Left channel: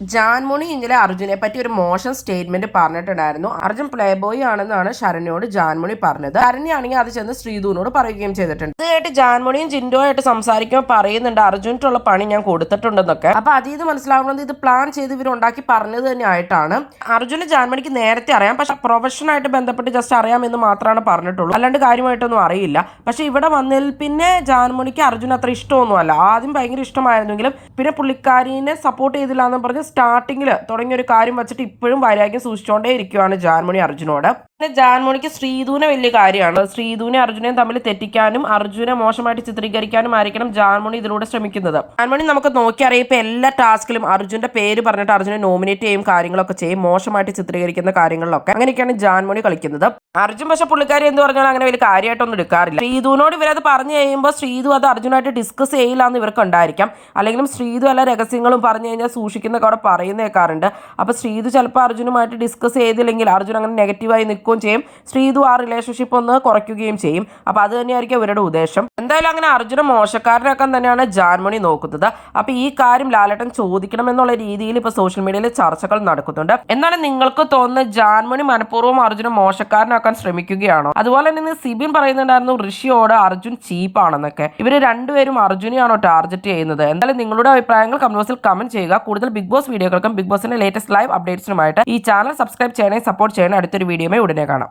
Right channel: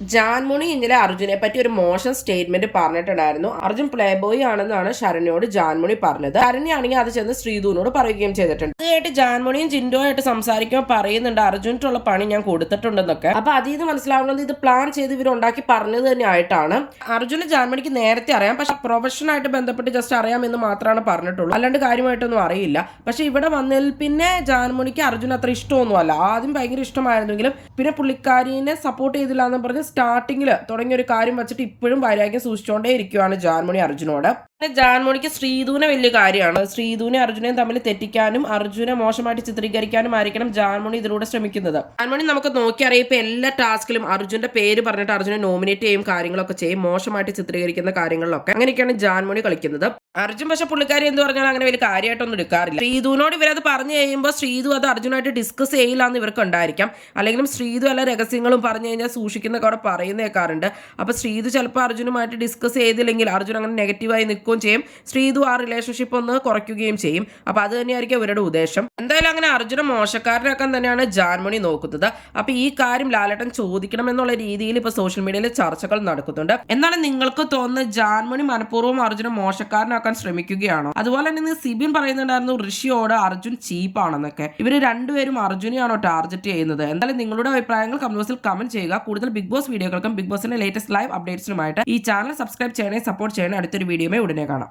ജാൻമണി ഇന്നലെ അർജുനെ പറ്റി ഒരു മോശം സ്റ്റേറ്റ്മെന്റ് പറഞ്ഞിട്ടുണ്ടായിരുന്നു. അർജുൻ പ്ലേ ബോയ് ആണെന്നാണ് ശരണ്യോട് ജാൻമണി പറഞ്ഞത്. ശരണ്യാണെങ്കിൽ അത് ചെന്ന് ശ്രീധുവിനോട് പറയുകയും ചെയ്തിട്ടുണ്ട്. ഇതായിട്ട് ജാൻമണിയും ജിൻഡോ ആയിട്ട് സംസാരിക്കുമ്പോൾ പറയുന്നുണ്ട് അർജുനുള്ള പണി ഞാൻ കൊടുത്തിട്ടുണ്ടെന്നൊക്കെ. അപ്പൊ അതിൽ നിന്ന് മനസ്സിലാവുന്നത് ഇത് പ്ലാൻ ചെയ്ത് ഇവർ ഉണ്ടാക്കി പറഞ്ഞത് തന്നെ ആയിട്ടാണ്. അർജുന് ജാൻമണിക്ക് നേരത്തെ അറിയാം, പക്ഷെ പ്രൊഫഷനായിട്ട് ബന്ധപ്പെട്ട് ജസ്റ്റ് അറിയാമെന്ന് മാത്രമാണ് പറഞ്ഞിട്ടുള്ളൂ, അല്ലാണ്ട് കാര്യമായിട്ടൊന്നും അറിയില്ല. പക്ഷെ ഇവിടെ വന്നതിൽ പിന്നെ ജാൻമണിക്ക് അർജുൻ അത്ര ഇഷ്ടമൊന്നുമല്ല. ആദ്യം ഭയങ്കര ഇഷ്ടമായിരുന്നെങ്കിലും പിന്നെ പുള്ളിക്കാരിനെ സപ്പോർട്ട് ചെയ്തില്ല എന്ന് പറഞ്ഞ് സ്റ്റാർട്ടിങ്ങിൽ തുടങ്ങിയ ഒരു കാര്യം വെച്ചിട്ട് ഇപ്പോഴും വൈരാഗ്യം സൂക്ഷിച്ചുകൊണ്ടേ ഇരിക്കുകയാണ് ജാൻമണി അർജുനോട്. പിന്നെ ജാൻമണിക്ക് ശ്രീധുവിനെ വലിയ കാര്യമാണ്. ശ്രീധുവിനെ അർജുനെയും തമ്മിൽ തെറ്റിക്കാനും അർജുനെ മോശമായിട്ട് ചിത്രീകരിക്കാനും ആയിരിക്കണം ജാൻമണി ഇതിലൂടെ ശ്രമിക്കുന്നത്. ജാൻമണി നമുക്ക് നോക്കിയറിയാം, ഇപ്പൊ എല്ലാ ടാസ്കിലും അർജുന്റെ പേര് പറഞ്ഞിട്ട് അർജുനെ നോമിനേറ്റ് ചെയ്യും, കാര്യങ്ങളൊക്കെ ചെയ്യും, മോശമായിട്ട് ചിത്രീകരിക്കുന്ന കാര്യങ്ങളിലൊക്കെ അങ്ങനെയൊക്കെയാണ് ജാൻമണി കളിക്കുന്നത്. അർജുൻ പക്ഷെ പുള്ളിക്കാരി എന്ന് പറഞ്ഞാൽ അങ്ങനെ വലിയ കാര്യമായിട്ടൊന്നും എടുക്കാറില്ല. ശ്രീധുവിനോട് ഇവരത് പറഞ്ഞു കഴിയുമ്പോൾ ശ്രീധു അത് അർജുനായിട്ട് ഡിസ്കസ് ചെയ്യില്ല എന്ന് ഇവർക്ക് ഉണ്ടായിരിക്കാം. അല്ലെങ്കിലും ശ്രീധു എല്ലാ രഹസ്യങ്ങളും പറഞ്ഞു കഴിഞ്ഞാൽ സൂക്ഷിക്കുന്നൊക്കെ അവിടെ പറയുന്നേക്കാറുണ്ട്. അപ്പൊ ശ്രീധു ചിലപ്പോൾ അർജുനുമായിട്ട് ഡിസ്കസ് ചെയ്തില്ലെങ്കിൽ അർജുൻ അങ്ങനെ നെഗറ്റീവായി നിൽക്കുകയും ചെയ്യും, ശ്രീധു ആ റിലേഷൻഷിപ്പ് ഒന്ന് കുറയ്ക്കുകയും ചെയ്യും. അപ്പൊ അത് തന്നെയായിരിക്കും ഇവരുടെ ഉദ്ദേശം. എന്തായാലും അങ്ങനെ അർജുന മോശക്കാരനാക്കാൻ തന്നെയാണ് ജാൻമണി നോക്കുന്നത്. അപ്പൊ ഈ കാര്യം ലാലേട്ടൻ ചോദിക്കണം എന്നുള്ള രീതിയിൽ ഇപ്പൊ സോഷ്യൽ മീഡിയയിൽ ചർച്ചകൾ നടക്കുന്നുണ്ട്. എന്നാലും നിങ്ങൾക്ക് തോന്നുന്നത് ജാൻമണി മനഃപൂർവ്വം അർജുന മോശക്കാരനാക്കാൻ ശ്രമിക്കുകയാണോ? അതുപോലെ തന്നെ സിബിൻ പറയുന്നുണ്ടായിരുന്നു ഋഷിയോട് അർജുൻ ചീപ്പാണെന്നൊക്കെ. ഇവര് രണ്ടുപേരും അർജുനെയാണോ ടാർഗറ്റ് ചെയ്യുന്നത്? എന്തായാലും നിങ്ങളുടെ അഭിപ്രായങ്ങൾ കമന്റ് ബോക്സിൽ കമന്റ് ചെയ്യുക. കൂടുതൽ ബിഗ് ബോസ് വീഡിയോകൾക്കും ബിഗ് ബോസിന്റെ ലേറ്റസ്റ്റ് ലൈവ് അപ്ഡേറ്റ്സിനുമായിട്ട് ഈ ചാനൽ സബ്സ്ക്രൈബ് ചെയ്യണേ, സപ്പോർട്ട് ചെയ്യണേ. അടുത്തൊരു വീഡിയോയുമായി ഉടനെ കാണാം.